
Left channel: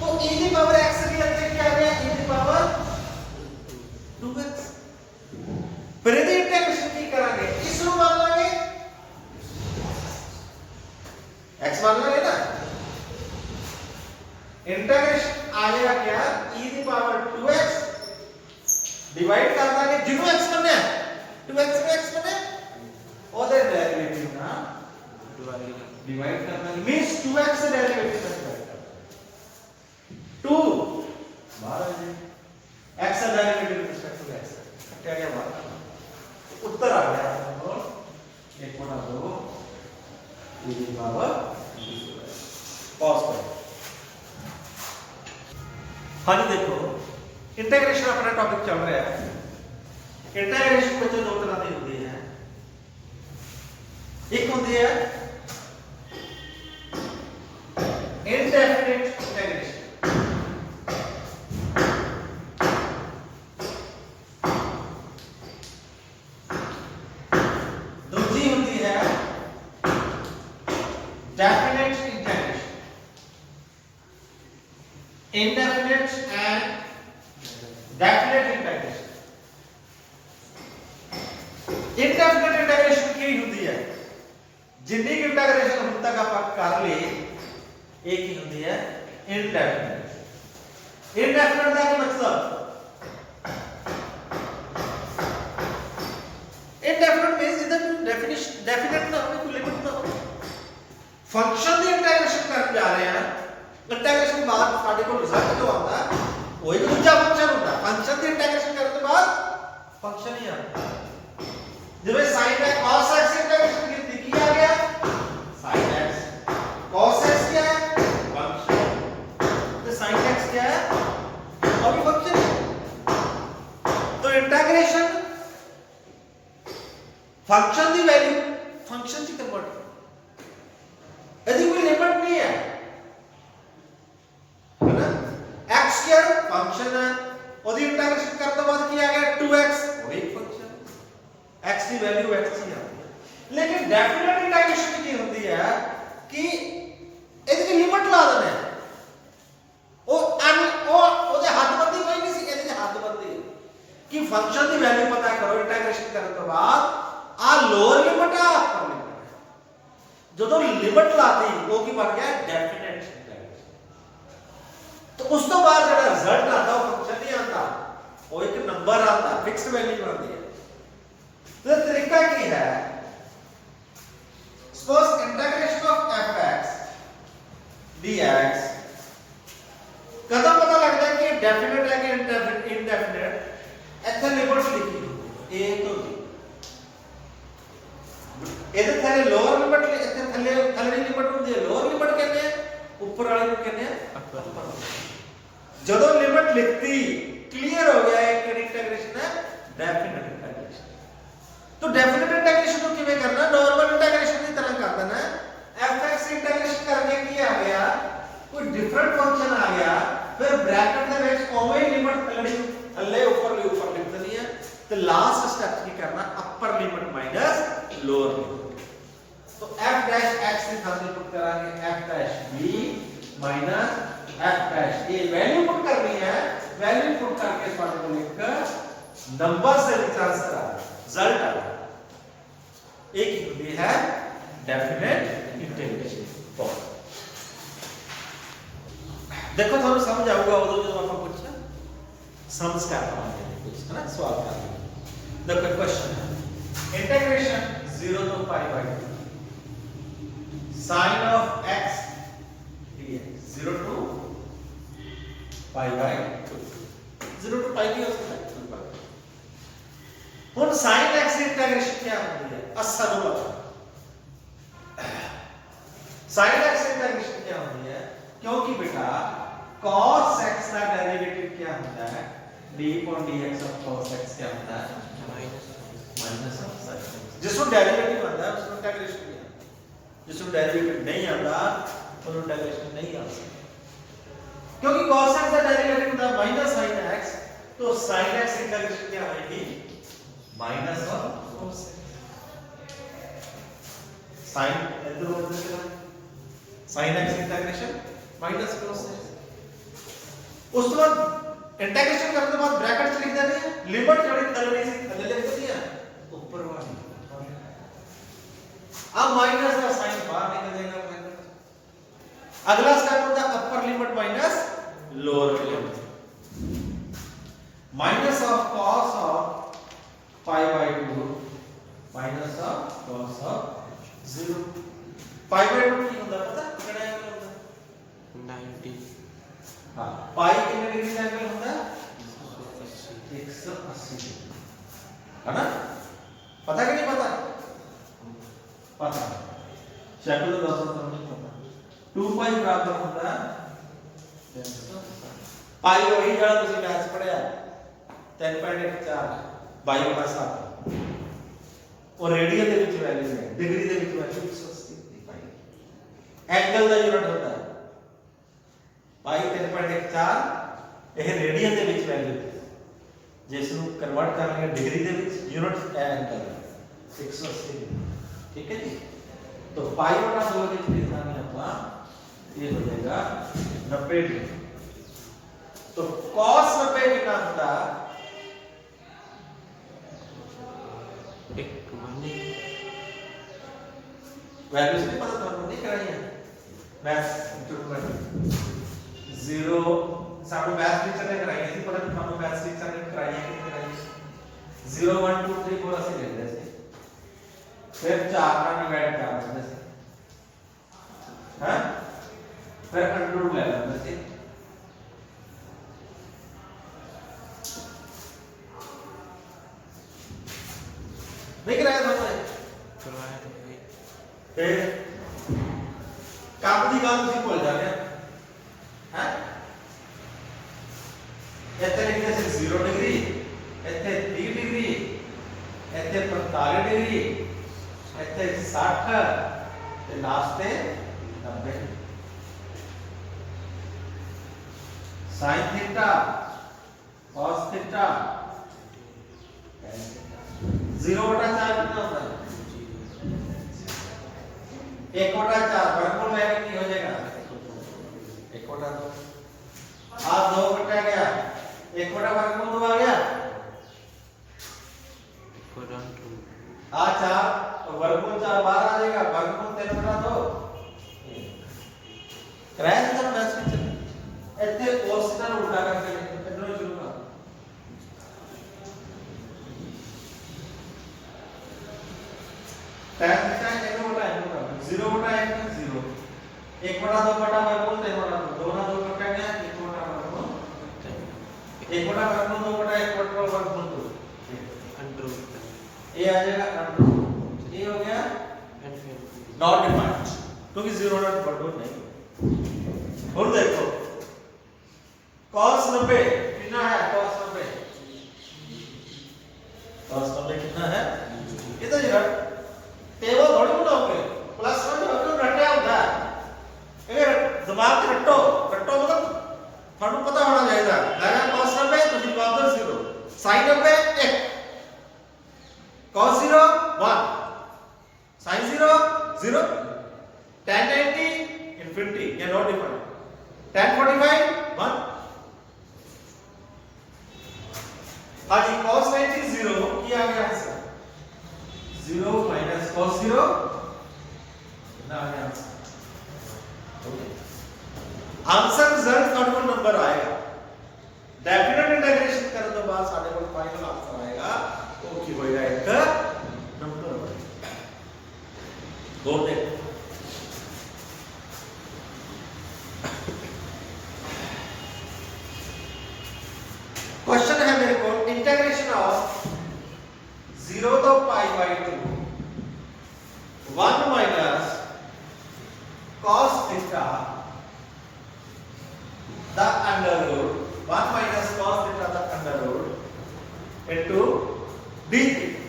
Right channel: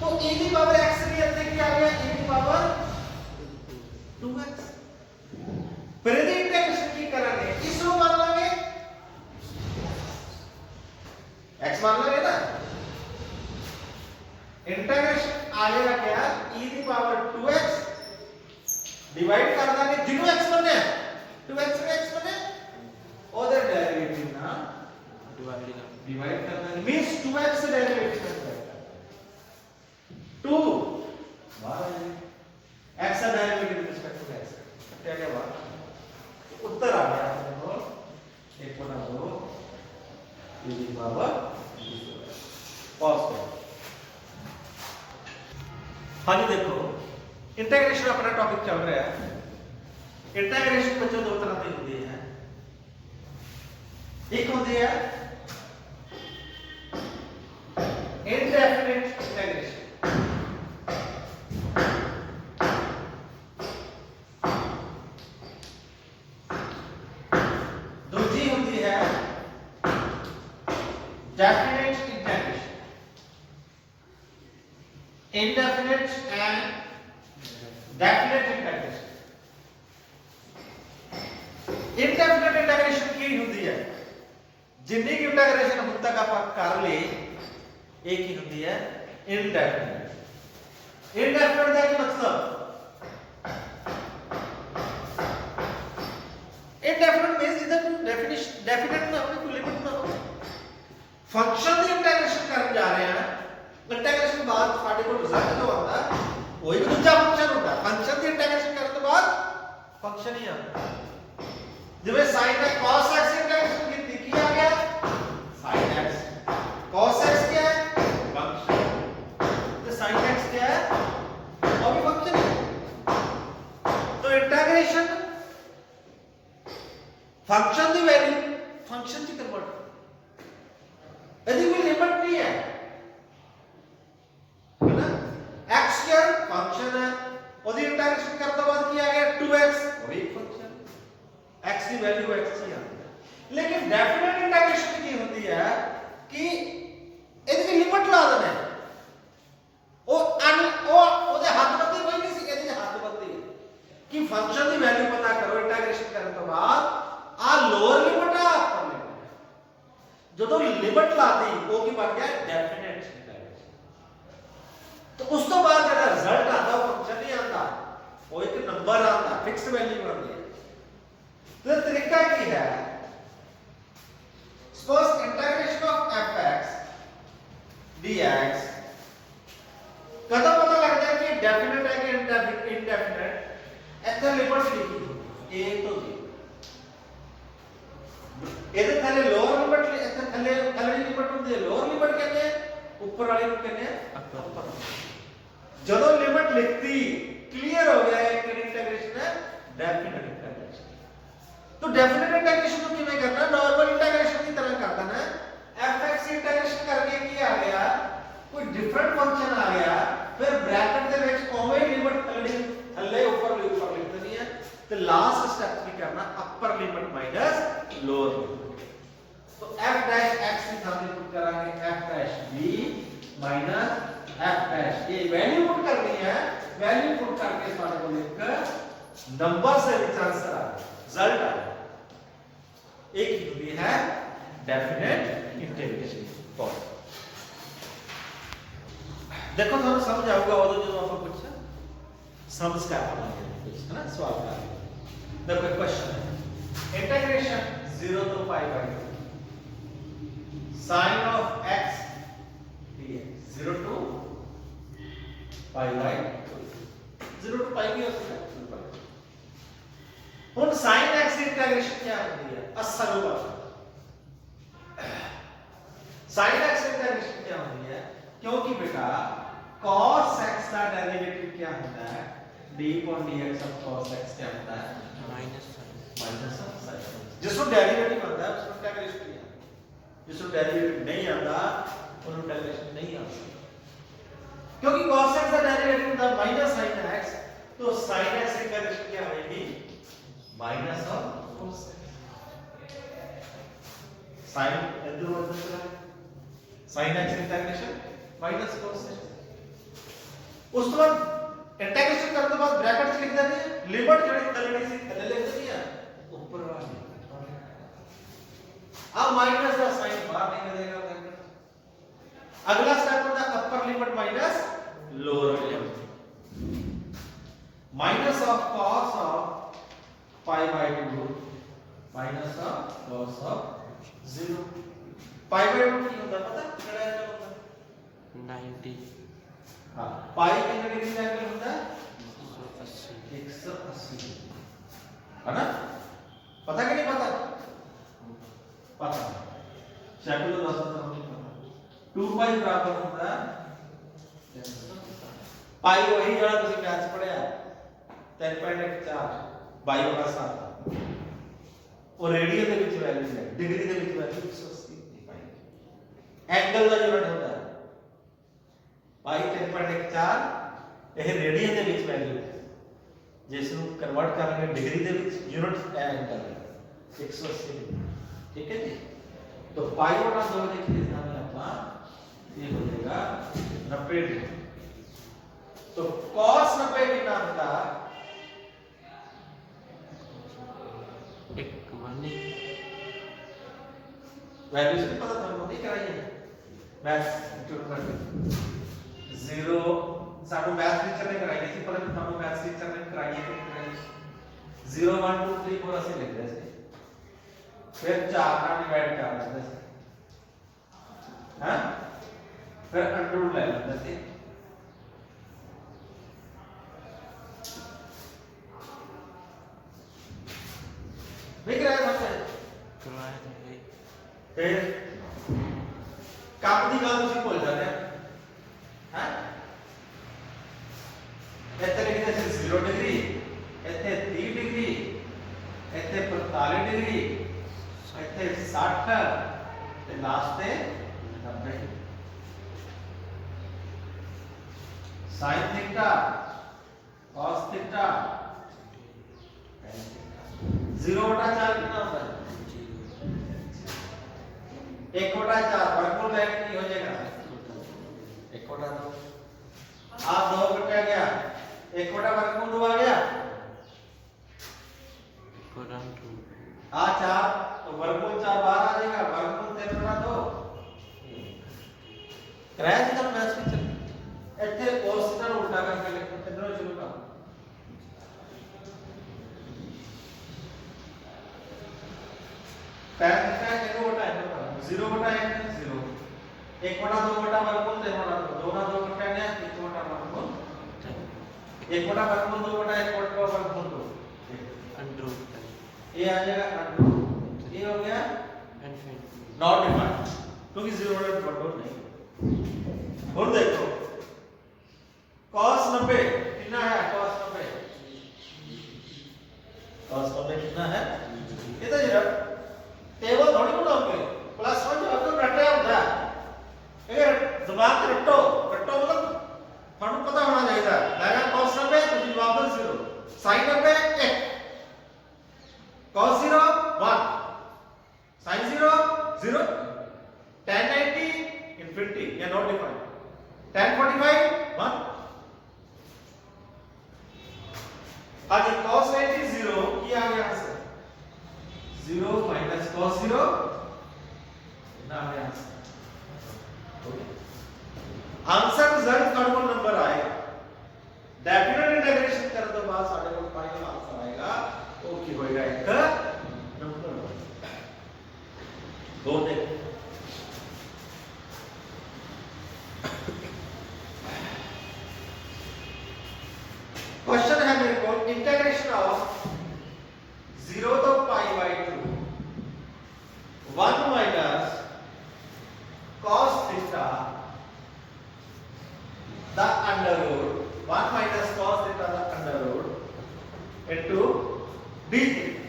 तो e ਦੀ ਪਾਵਰ x ਦੀ ਅੱਗੇ ਕੀ ਆ ਗਿਆ e ਦੀ ਪਾਵਰ 2x ਫਿਰ ਇਹਦੀ ਇੰਟੀਗ੍ਰੇਸ਼ਨ ਕੀ ਕਰਾਂਗੇ ਇਸ ਨੂੰ ਮੰਨ ਲਾਂਗੇ x मान लो ना इंटीग्रेशन आ जाएगा क्या e की पावर 2x डिवाइड कर देंगे जिनो x करना है 2x में x करना है और डेरिवेटिव ना डिवाइड करना है मींस 2x डेरिवेटिव में डिवाइड करना 2 बाहर आ जाए x का derivative with respect to x क्या क्या बात उत्तर आ गया देखो 1/2 e की पावर पॉज करो हाँ जी देखो इंटीग्रेशन अपना टॉपिक चल रहा है इंटीग्रेशन बच्चों दो तरह की होती है एक होती है indefinite integration दूसरी indefinite and definite integration. Indefinite integration ਕੀ ਹੁੰਦੀ ਹੈ? ਜਿੰਨੀ ਕਿ integration ਹੁਣ ਤੱਕ ਆਪਾਂ ਕਰ ਲਈ ਇਹ ਕੀ ਹੁੰਦੀ ਹੈ? indefinite. indefinite ਦਾ ਕੀ ਮਤਲਬ? indefinite means ਜਿਹਦਾ ਕੋਈ definite ਨਾ ਹੋਵੇ, ਕੋਈ ਲਿਮਿਟ ਨਾ ਹੋਵੇ। ਫੰਕਸ਼ਨ ਦੀ ਇੰਟੈਗ੍ਰੇਸ਼ਨ ਕਰਨ ਜਾ ਰਹੇ ਹਾਂ, ਇੰਟੈਗ੍ਰੇਸ਼ਨ ਬਾਅਦ ਸਾਡੇ ਕੋਲ ਰਿਜ਼ਲਟ ਜੋ ਆਉਂਦਾ ਉਹ ਇੱਕ ਦੂਜਾ ਫੰਕਸ਼ਨ ਹੁੰਦਾ। ਫੰਕਸ਼ਨ ਦੀ ਇੰਟੈਗ੍ਰੇਸ਼ਨ ਕਰਨ ਤੋਂ ਬਾਅਦ ਫੰਕਸ਼ਨ ਹੀ ਆਉਂਦਾ। ਜਿਵੇਂ sin x cos x integration की की आ गया sin x, cos x क्या है? फंक्शन। तो sin x क्या है? और भी फंक्शन है। तो इंटीग्रेशन फंक्शन दी वैल्यू फंक्शन च कन्वर्ट, यदि कोई लिमिट नहीं है ना, x क्या फंक्शन है, और इंटीग्रेशन करने के बाद क्या आ गया 2x, और एक फंक्शन x की वैल्यू x ही आती है। लेकिन डेफिनेट इंटीग्रेशन की होती है कि ਇਹਦੀ ਲਿਮਿਟ ਲਾ ਦੇਣਾ ਹੈ, ਉਹ ਉਹਦੇ ਹੱਦਬੰਦੀ ਹੋਈ ਨਹੀਂ ਸੀ, ਇਹਦੀ ਹੱਦਬੰਦੀ ਕਿ ਫੰਕਸ਼ਨ ਦੀ ਵੈਲਿਊ ਪਤਾ ਕਰੋ ਇੰਟੀਗ੍ਰੇਸ਼ਨ ਕਰਨ ਤੋਂ ਬਾਅਦ ਆ ਲੋਅਰ ਲਿਮਿਟ ਆ ਅਪਰ ਲਿਮਿਟ। ਜਦੋਂ ਲਿਮਿਟ ਲਾਤੀ ਉਹ ਕੀ ਬਣ ਗਿਆ? Definite integration. ਤਾਂ ਉਸ ਤੋਂ ਬਾਅਦ ਜਿਹੜਾ ਰਿਜ਼ਲਟ ਆਉਂਦਾ ਉਹ ਫੰਕਸ਼ਨ ਨਹੀਂ ਆਉਂਦਾ, ਉਹ ਇੱਕ ਨੰਬਰ ਆਉਂਦਾ, ਫਿਕਸਡ ਵੈਲਿਊ ਆਉਂਦੀ ਹੈ। तो तरीका की है, suppose integration of fx dx कदा पता लग जाए कि डेफिनेट है कि इंडेफिनेट? ऐसे लिमिट लिखी a तो b, ਇਹਦੇ ਥੱਲੇ ਲੋਅਰ ਲਿਮਿਟ, ਇੱਥੇ ਥੱਲੇ ਲਿਮਿਟ ਹੁੰਦੀ ਹੈ ਲੋਅਰ ਲਿਮਿਟ ਕਹਿੰਦੇ ਆ, ਉੱਪਰ ਵਾਲੇ ਨੂੰ ਕਹਿੰਦੇ ਆ ਅਪਰ। ਜਦੋਂ ਲਿਮਿਟ ਲਿਖਤੀ ਕਲੀਅਰ ਹੋ ਗਿਆ ਕਿ ਇੰਟੀਗ੍ਰੇਸ਼ਨ ਹੈ डेफिनेट इंटीग्रेशन। तो डेफिनेट इंटीग्रेशन को किਵੇਂ करना? नॉर्मल इंटीग्रेशन की तरह कर देना है। fx इंटीग्रेशन करके ਕੀ आ गया? कोई डिफरेंट फंक्शन आ गया, फिर ब्रैकेट ਦੇ ਵਿੱਚ ਉਵੇਂ ਹੀ ਲਿਮਿਟ ਥੱਲੇ ਉੱਪਰ ਲਿਖ ਦੇਣੀ ਹੈ ਤੇ ਲਾਸਟ ਸਟੈਪ ਕੀ ਕਰਨਾ? ਅਪਰ ਲਿਮਿਟ ਮਾਈਨਸ ਲੋਅਰ ਲਿਮਿਟ। तो f डैश x की सामने पुट करांगे f dash b minus f dash ये वैल्यू पुट करनी है। वैल्यू पुट करके सामने को लिख नंबर से रिचार्ज करा रिजल्ट आ गया। एक होती है डेफिनेट इंटीग्रेशन फॉर्म। देखो थोड़ा समझ आऊगा वो जो आप कुछ समझ कर पाएंगे कुछ है ना सवाल का। देखो question integration 0 to pi by 2 sin of x dx 0 to pi by 2 0 to pi भी हो सकता है। ਹੁਣ sin x ਦੀ ਇੰਟੀਗ੍ਰੇਸ਼ਨ ਕੀ ਹੁੰਦੀ ਹੈ? ਅਸਲ ਵਾਲਾ sin x ਦੀ ਇੰਟੀਗ੍ਰੇਸ਼ਨ ਕੀ ਹੁੰਦੀ ਹੈ? क्योंकि बेटा cos x का डेरिवेटिव क्या होता है? d upon dx of cos x क्या होता है? Minus of sin x। जिसको डेरिवेटिव आता है उसको इंटीग्रेशन नहीं आता, जिसको डेरिवेटिव नहीं आता उसको इंटीग्रेशन नहीं आ सकता। क्योंकि cos x का डेरिवेटिव होता है माइनस sin x, तो sin x की इंटीग्रेशन क्या होगी? Minus of cos x। sin इधर उधर चला sin x integration minus cos x। उसके बाद इंटीग्रेशन करने के बाद ब्रैकेट से लिख देते हैं लिमिट ਜਿਹੜੀ ਥੱਲੇ ਸੀ ਥੱਲੇ ਲਿਖ ਦਿੱਤੀ ਹੈ ਉੱਪਰ ਵਾਲੀ। अब माइनस का साइन बाहर निकल जाएगा माइनस। अगला स्टेप होता है अपर limit minus lower limit. Minus of cos of pi by 2 minus of cos of 0। pi by 2 ਕੀ ਹੁੰਦਾ ਪਤਾ ਕਿਹੜਾ ਐਂਗਲ ਹੁੰਦਾ? 90। हां pi कितने डिग्री का एंगल होता है? 180 है ना? पता कि नहीं पता? पता शेड्यूल 10 नहीं पता। 2 pi बराबर होता है pi वही जड़ा ਤੁਸੀਂ ਮੈਥ ਪੜਿਆ 10.14 22/7 और रेडियन ਦੇ ਵਿੱਚ ਵੈਲਿਊ ਹੈ ਡਿਗਰੀ ਦੇ ਵਿੱਚ ਵੈਲਿਊ 180 ਦੀ ਪਾਈ। ਐਂਗਲ ਦਾ ਯੂਨਿਟ ਹੁੰਦਾ ਹੈ पाई 10.14 ਇਹ ਰੇਡੀਅਨ ਦੇ ਵਿੱਚ ਵੈਲਿਊ ਹੈ, ਜਿਸ ਨੂੰ ਕਨਵਰਟ ਕਰ ਲਿਆ ਡਿਗਰੀ ਦੇ ਵਿੱਚ ਯੂਨਿਟ ਐਂਗਲ 180 ठीक है जी। तो पाई बटा 2 लिख देना है ਆਪਾਂ, ये हो जाएगा 90 डिग्री। तो cos 90 कितना होता है? वैल्यूज नहीं पता तुमको दिख रही है मैथ्स इंस्टीट्यूट में जीरो सामने मैथ्स टीचर ने कराई थी पर हम मैथ्स टीचर ने कराई है कि कराई 0 1 2 3 4 ऐसे लिख देते फिर 4 का डिवाइड कर देते हैं फिर अंडर ले लेते देख रहे हो फिर ਕੱਪ ਦੀ ਗੱਲ ਤੁਸੀਂ ਭੁੱਲ ਜਾਂਦੇ ਆ ਹੈ ਇੱਥੇ ਲਿਖਦੇ ਸੀ 0 ਡਿਗਰੀ ਇੱਥੇ 30 ਡਿਗਰੀ ਇੱਥੇ 45 ਡਿਗਰੀ ਇੱਥੇ 60 ਤੇ ਲਾਸਟ ਤੇ 90 sin थीटा cos थीटा 0/4 कितना होता है 1/4 वर्गमूल में कितनी हो जाएगा 1/2 आ 2 कटा गया 1/वर्गमूल 2 आ गया आ 4 तो वर्गमूल 4 बाहर आ जाएगा वर्गमूल 3/2 कराया था मैथ्स टीचर ਇੱਥੇ cos थीटा ਨੂੰ उल्टा करके लिखो इधर शुरू करो tan थीटा इधर होता है 0/n 0 1/2 वर्गमूल 3/2 2 ना 2 कट गया 1/वर्गमूल 1/वर्गमूल 2/1 वर्गमूल 2 अंडर ये आ जाएगा अंडर ये हो गया नॉट डिफाइंड क्योंकि 0/2 नहीं और देखो cos 90 कितना है cos 90 कितना है ये तो जरा टेबल थोड़ी बनाओगे प्लस 1 जो आपने रटा होता है ये दिमाग से रटो मतलब थानू पता होना चाहिए लगा cos 90 तो जवाब दो 0 sin 90 1 cos 0 1 sin 0 0 tan 90 infinity ये नॉट डिफाइंड tan 45 1 आगे cos 90 0 क्या आ गया आंसर 0 minus cos 0 ना आ गया आंसर रिजल्ट ਤੁਹਾਡੇ ਕੋਲ ਨੰਬਰ ਆਏਗਾ डेफिनेट इंटीग्रेशन ਕਰਨ ਤੋਂ ਬਾਅਦ ਸਾਡੇ ਕੋਲ ਫਾਈਨਲ ਆਂਸਰ ਆਏਗਾ ਉਹ ਕੀ ਹੋਏਗਾ ਇੱਕ ਨੰਬਰ ਦੋ ਦੇਖ क्वेश्चन है मेरे को integration of 0 to pi by 2 1 minus cos theta the under root 1 minus cos theta the under root into d theta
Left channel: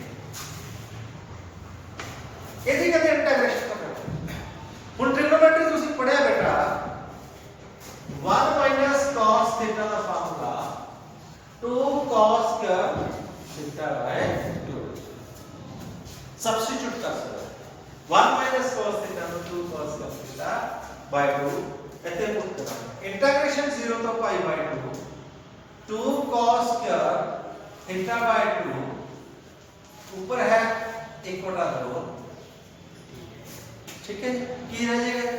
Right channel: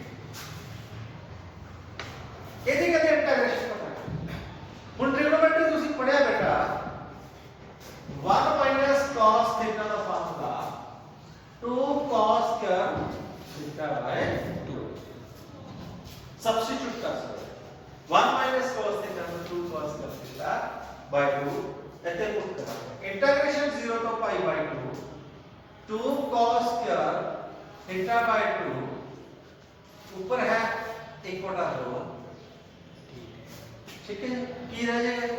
ਇਹਦੀ ਕਹਿੰਦੇ ਇੰਟੀਗ੍ਰੇਸ਼ਨ ਕਰਨਾ ਹੁਣ ਟ੍ਰਿਗੋਨੋਮੈਟਰੀ ਤੁਸੀਂ ਪੜਿਆ ਬੇਟਾ 1 minus cos theta the formula 2 cos cube theta by 2 substitute कर सकते 1 minus cos theta तो 2 cos cube theta by 2 ऐसे पुट करना इंटीग्रेशन 0 तो pi by 2 2 cos cube theta by 2 ऊपर है 1/2 ठीक है की रह जाएगा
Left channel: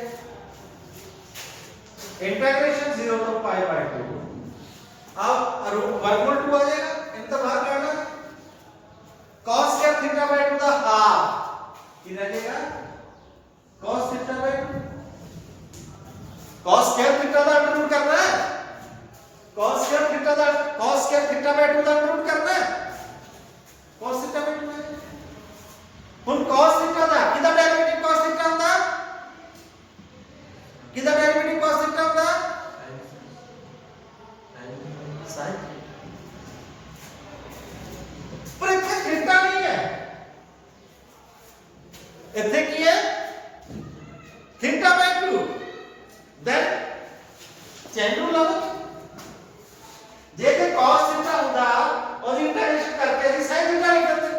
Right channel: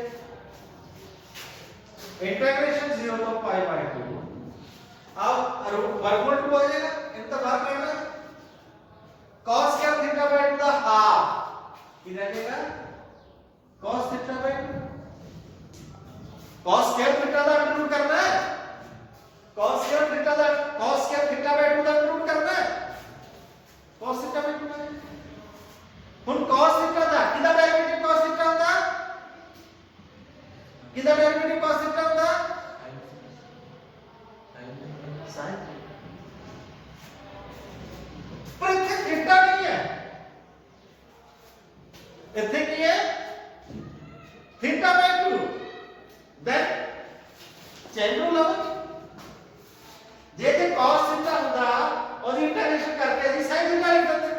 इंटीग्रेशन 0 तो pi by 2 अब वर्गमूल 2 आ जाएगा इनका भाग करना cos क्या थीटा by 2 का हाफ कितना रहेगा cos थीटा by 2 cos क्या थीटा का अंडर रूट करना है cos क्या थीटा by 2 का अंडर रूट करना है cos थीटा by 2 है ਹੁਣ cos थीटा ਦਾ ਕਿਹਦਾ ਡੈਰੀਵੇਟਿਵ cos थीटा ਹੁੰਦਾ ਕਿਹਦਾ ਡੈਰੀਵੇਟਿਵ cos थीटा ਹੁੰਦਾ sin पर ਇੱਥੇ थीटा नहीं है ਇੱਥੇ ਕੀ ਹੈ थीटा by 2 then चेन ਨੂੰ ਲਾਓ ਜੇ ਤੇ cos थीटा ਹੁੰਦਾ ਉਹਦੀ ਇੰਟੀਗ੍ਰੇਸ਼ਨ ਕਰਕੇ ਅਸੀਂ sin थीटा ਲਿਖ ਦਿੰਦੇ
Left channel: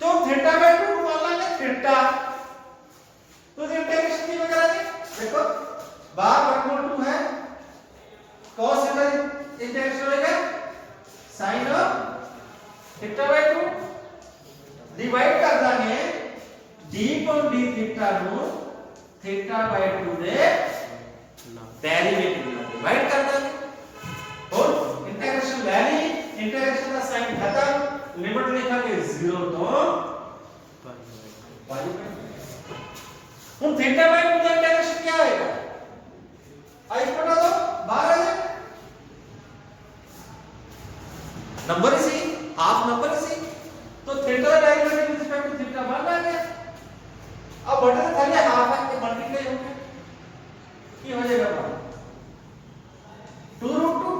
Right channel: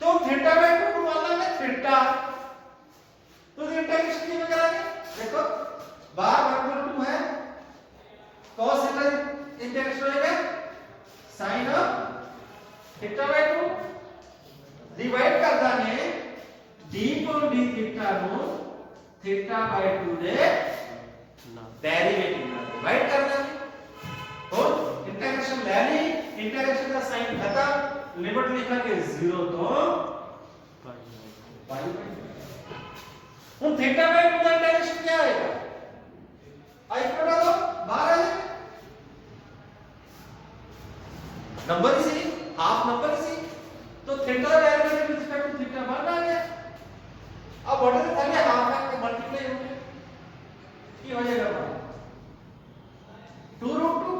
तो थीटा by 2 को मान लेंगे थीटा तो इंटीग्रेशन की करेंगे देखो बाहर वर्गमूल 2 है cos थीटा इंटीग्रेशन होएगा sin of theta by 2 divide कर दांगे d upon d थीटा नु थीटा बाय 2 दे डेरिवेटिव में डिवाइड कर दांगे और इंटीग्रेशन ले ली इंटीग्रेशन का साइन खत्म लिमिट लिखेंगे 0 तो पाई हम थीटा बाय 2 का इंटीग्रेशन क्या होएगा आई बता दो बाहर आ जाए नंबर सी हाफ नंबर सी तो theta derivative with respect to theta 1 आ गया अब बटे थाले हाफ हाफ के मल्टीप्लाई होंगे ये हो जाएगा बाहर 2√2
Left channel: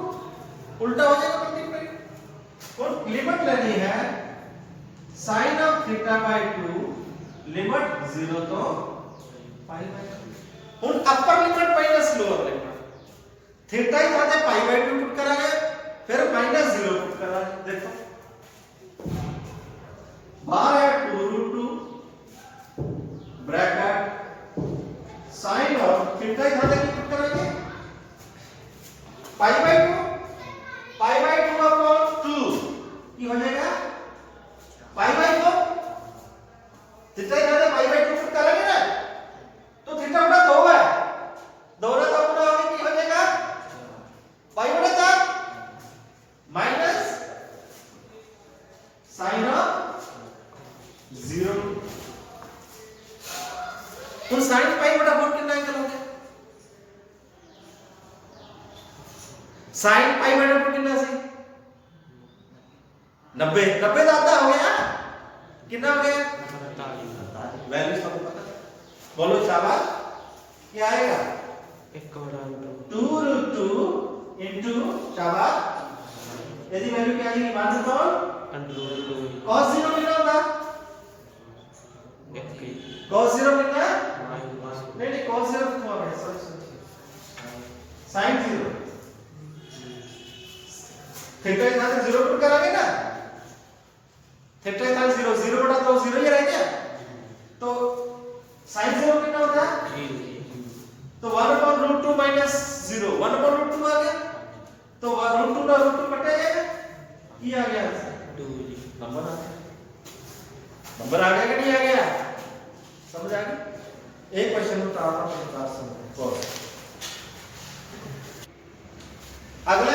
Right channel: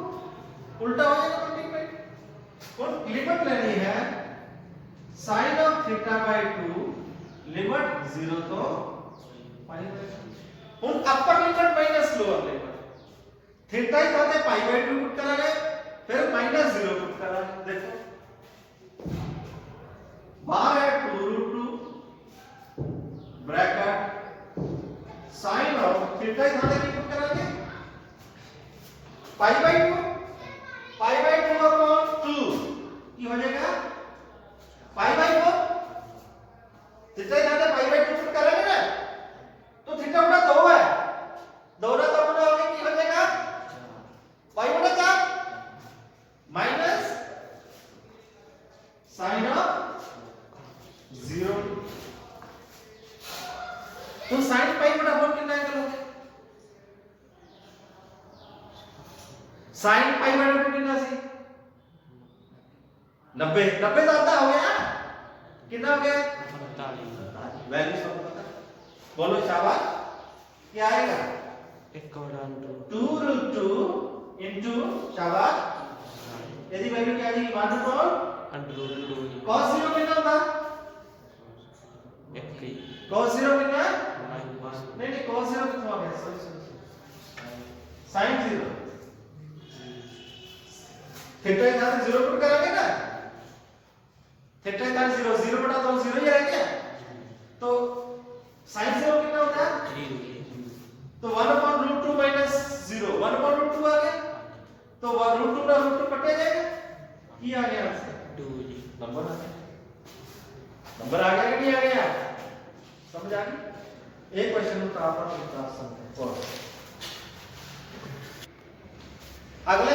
उल्टा हो जाएगा मल्टीप्लाई और लिमिट लेनी है sin of theta by 2 limit 0 तो पाई बाय 2 और upper limit minus lower limit theta ही साथे पाई बाय 2 पुट करा गया फिर माइनस 0 पुट करा गया देखो बाहर है 2√2 ब्रैकेट sin ऑफ थीटा ही साथे की पुट करा गया पाई बाय 2 अपॉन 2 की हो जाएगा पाई बाय 4 थीटा ही साथे पाई बाय 2 पुट करेंगे ना तो थीटा उड़ा 2 है 2 ना तो उड़ा होने की हो जाएगा पाई बटा 4 माइनस sin ऑफ 0 तो sin पाई बटा 4 कितना एंगल हो गया sin पाई बटा 2 कितना सही 90 90 तो आता हो गया कितना हो गया वैल्यू सब पता बोलो शाबाश क्या आएगा 2√2 into शाबाश यदि वैल्यू क्या आएगी 1/√2 cos 0 कितना होगा cos 0 कितना है नहीं cos 0 कितना हो गया सॉरी sin 0 थीटा के साथ 0 पुट करेंगे ना थीटा के साथ 0 0 बटा 2 0 ही रह गया तो sin 0 कितना होता है तो 1/√2 माइनस 0 1/√2 आ गया तो √2 का √2 कटेगा ये आ गया नंबर आ गया कि नहीं आ गया समझ आ गई एक क्वेश्चन तो आपका 50 समझ और अगला